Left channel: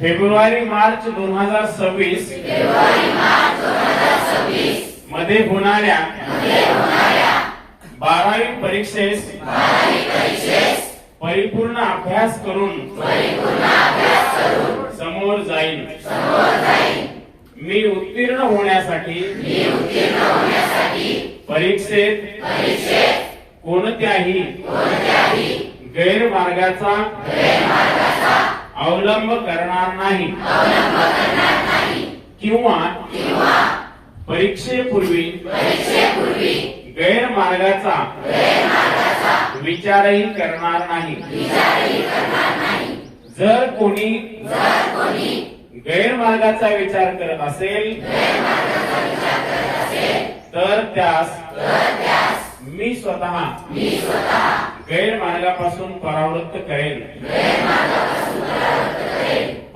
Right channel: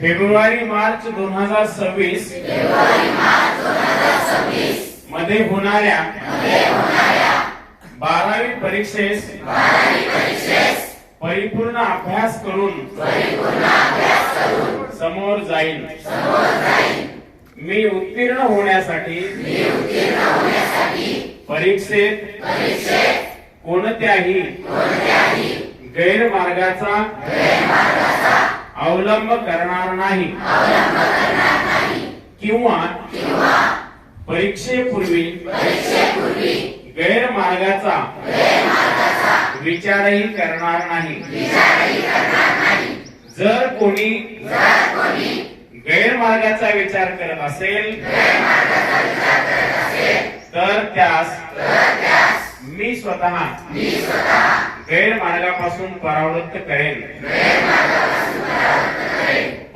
February March दोन हजार सव्वीस मध्ये होणाऱ्या बारावी परीक्षेस परिपूर्ण अभ्यास करून समोर जाईल मी उत्तीर्ण होण्यासाठी परीक्षेत कोणत्याही गैरमार्गाचा अवलंब करणार नाही किंवा परीक्षेपूर्वी गैरमार्गाचा विचारही करणार नाही जर कोणी गैरमार्गाचा विचार करत असेल तर त्यास मी स्वतः गैरमार्गापासून परावृत्त करेल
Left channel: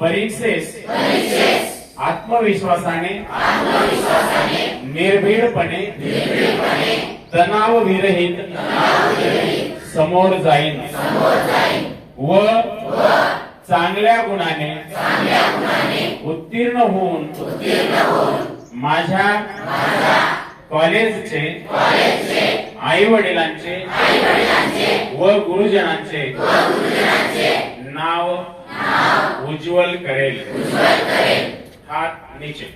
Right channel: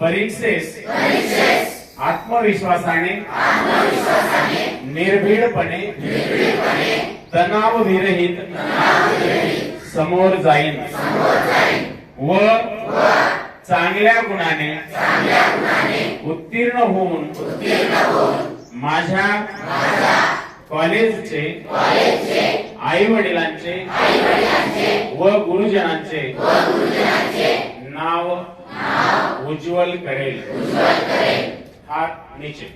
परीक्षेस परीक्षेस आत्मविश्वासाने आत्मविश्वासाने निर्भीडपणे निर्भीडपणे तणाव विरहित तणाव विरहित समोर जाईन समोर जाईन व व चांगल्या गुणाने चांगल्या गुणाने उत्तीर्ण होऊन उत्तीर्ण होऊन माझ्या माझ्या कॉलेजचे कॉलेजचे आई वडिलांचे आई वडिलांचे व गुरुजनांचे व गुरुजनांचे नाव ઉજ્જવલ કરેલ હાથ નીચે